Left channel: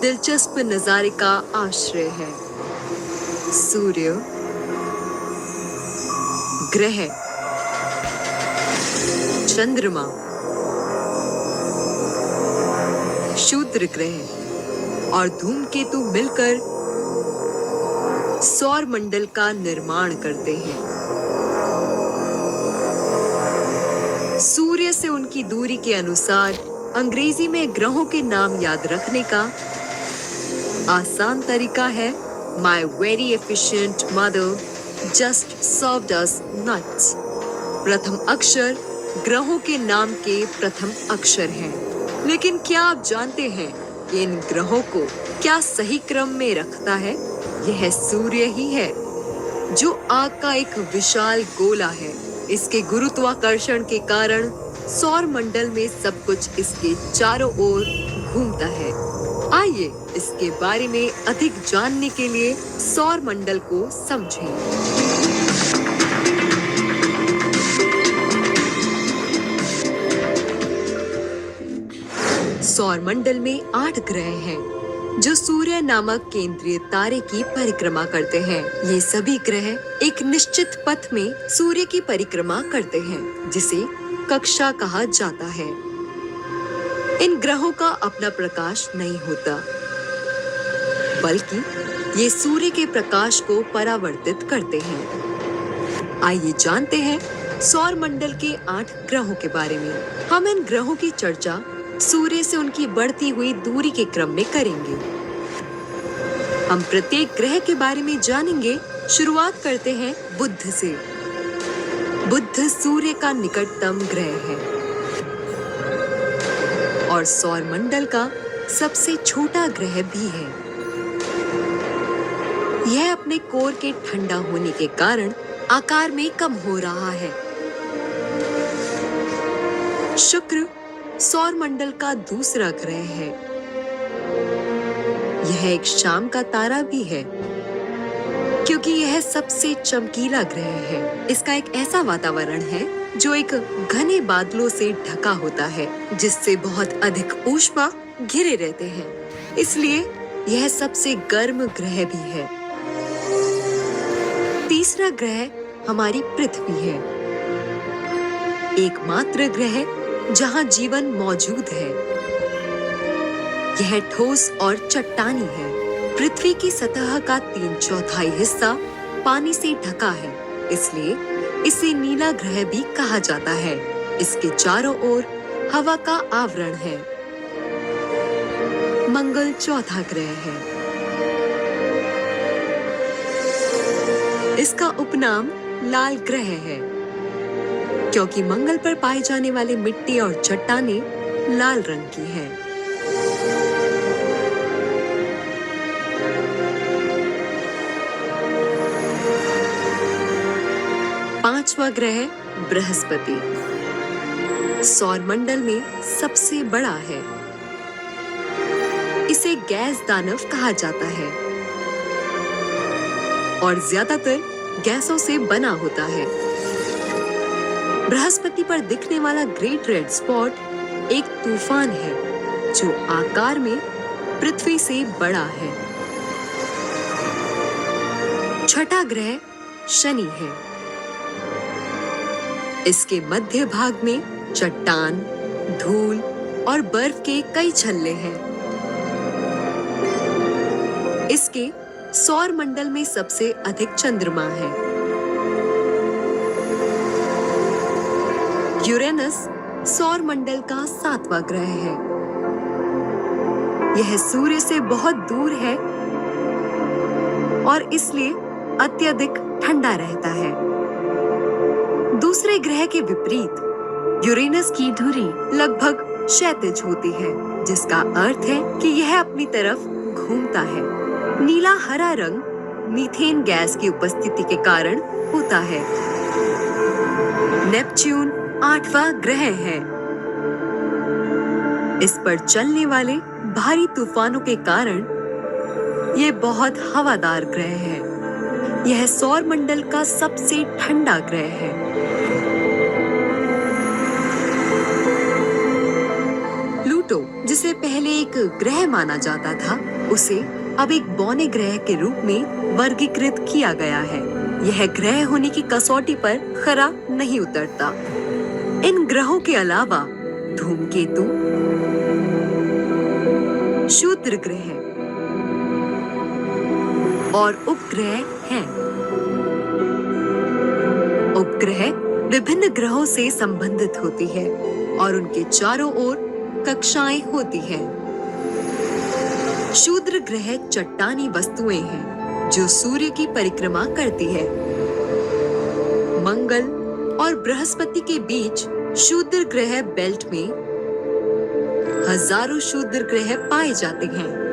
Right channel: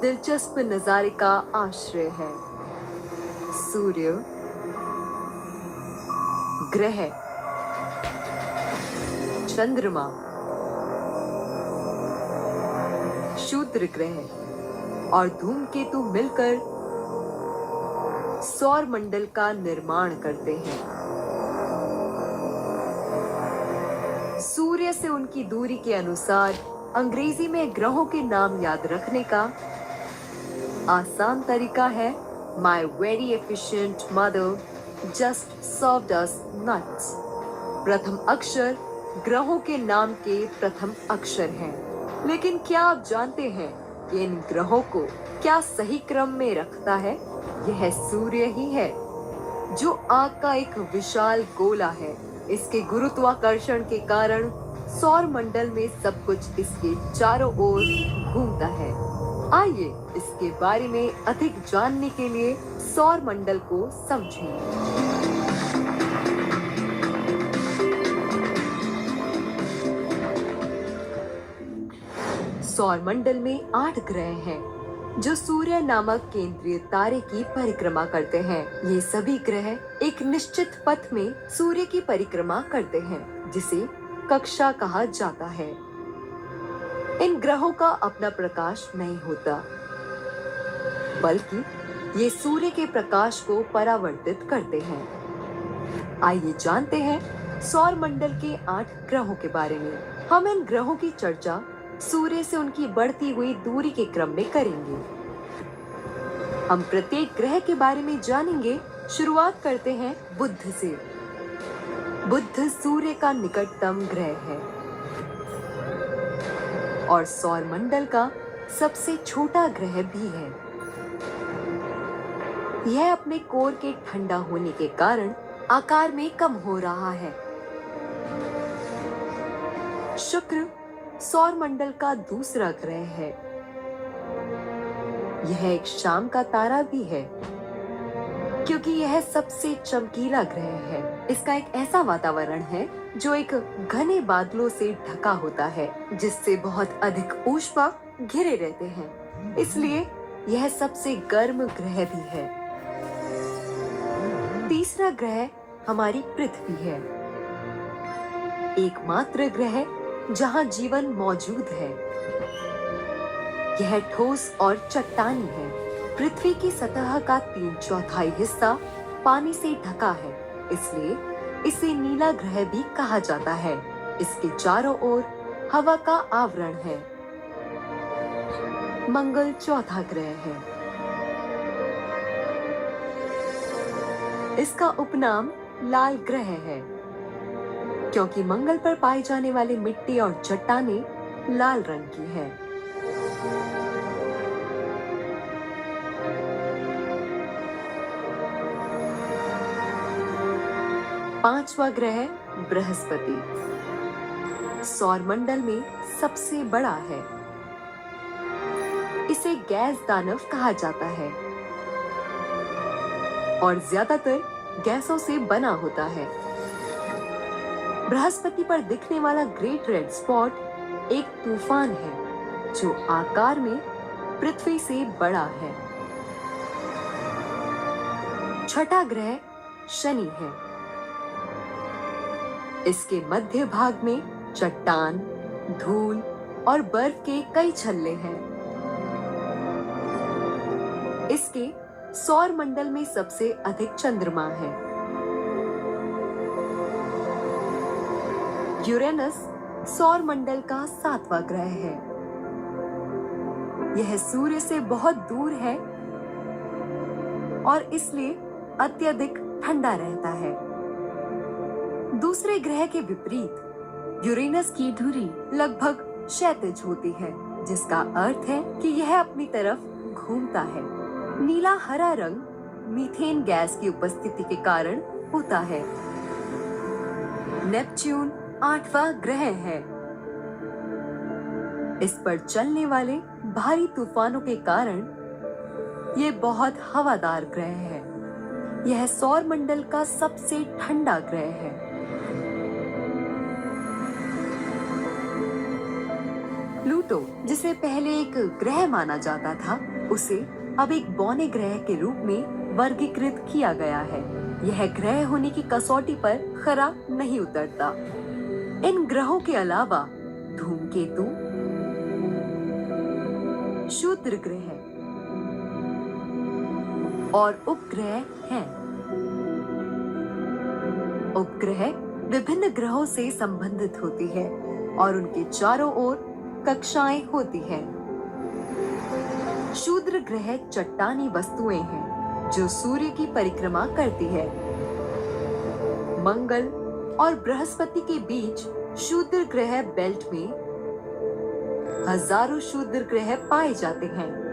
दिलचस्प नजारे का आश्रय है। सूर्य, ग्रह, चंद्रमा, क्षुद्र ग्रह और धूमकेतु मिलकर सौर मंडल का निर्माण करते हैं। सूर्य से उनकी दूरी के अनुसार अंग्रेजी में ग्रहों के नाम याद रखने का आसान तरीका है My very efficient mother just served us nuts। प्रथम अक्षर ग्रहों के नाम के प्रथम अक्षर हैं। लेकिन क्या आप जानते हैं कि इन ग्रहों को क्या सही क्रम में रखता है? यह सूर्य ही है, जो आग का एक विशाल गोला है। इसके गुरुत्वाकर्षण के कारण सौर मंडल में सब कुछ इसके चारों ओर घूमता है। आइए इसके बारे में अधिक जानने के लिए सौर मंडल को समझें। सौर मंडल में 8 ग्रह हैं, जो सूर्य नामक केंद्रीय तारे की परिक्रमा करते हैं। ये सभी ग्रह एक निश्चित पथ में सूर्य की परिक्रमा करते हैं, जिसे कक्षा कहा जाता है। इन ग्रहों का अपना प्रकाश नहीं होता, बल्कि ये सूर्य के प्रकाश को परावर्तित करते हैं। आइए जानते हैं सौर मंडल के 8 ग्रहों के बारे में। हम इन ग्रहों की चर्चा सूर्य से उनकी बढ़ती हुई दूरी के क्रम में करेंगे। हम प्रत्येक ग्रह के बारे में जानेंगे। शुरुआत करते हैं बुध से। बुध सूर्य का निकटतम ग्रह है और सौर मंडल का सबसे छोटा ग्रह भी है। यह अपने कोर के ठंडा होने के कारण आकार में कम हो रहा है। शुक्र सौर मंडल का दूसरा ग्रह है। यह एक शाम का तारा भी है, क्योंकि यह सबसे चमकीला ग्रह है। इसका एक ऐसा वातावरण है जो एक घने बादलों से ढका होता है, जिससे बहुत अधिक ऊष्मा घिरे रहते हैं। इसलिए यह सबसे गर्म ग्रह भी है। तीसरा ग्रह हमारी पृथ्वी है, एकमात्र ग्रह जहां जीवन मौजूद है। यह ठोस और चट्टानी है। पृथ्वी की सतह का 3/4 हिस्सा पानी से ढका है, इसलिए इसे नीला ग्रह भी कहा जाता है। इसके चारों ओर हवा का आवरण है। मंगल चौथा ग्रह है। इसका उपनाम लाल ग्रह है, क्योंकि मंगल पर पाए जाने वाले मिट्टी और चट्टानें लाल रंग की है। पांचवा ग्रह बृहस्पति सौर मंडल में सबसे बड़ा है। इसे गैस दानव कहा जाता है और ज्यादातर गैसों से बना होता है। बृहस्पति पर दिखने वाला ग्रेट रेड स्पॉट एक तूफान है, जो आकार में पृथ्वी से बड़ा है। छठा ग्रह शनि है। इसके मध्य भाग में चट्टान, धूल और बर्फ के कई छल्ले हैं। इसके सौर मंडल में सबसे अधिक चंद्रमा है। यूरेनस सौर मंडल का 7वां ग्रह है। यह सूर्य से बहुत दूर है और इसलिए अत्यधिक ठंडा रहता है। दूसरे ग्रह के विपरीत यूरेनस की धुरी लगभग क्षैतिज होती है, जिसका अर्थ है कि यह अपनी तरफ घूमता है। नीला हरा रंग मीथेन गैस की उपस्थिति के कारण होता है। नेपच्यून 8वां ग्रह है। इस पर चलने वाले भारी तूफानों के कारण ये बहुत हवादार ग्रह है। यह सौर मंडल का सबसे ठंडा ग्रह है। प्लूटो, जिसे पहले एक ग्रह माना जाता था, उसे अब एक बौने ग्रह के रूप में वर्गीकृत किया गया है। यह ग्रह होने की कसौटी पर खरा नहीं उतरता। इन ग्रहों के अलावा धूमकेतु, क्षुद्र ग्रह और उपग्रह हैं। उपग्रह विभिन्न ग्रहों से संबंधित होती है और उनके चारों ओर कक्षाएं होती हैं। क्षुद्र ग्रह चट्टानी वस्तुएं हैं जो सूर्य की परिक्रमा करती है। मंगल और बृहस्पति के बीच क्षुद्र ग्रह बेल्ट में हजारों क्षुद्र ग्रह पाए जाते हैं।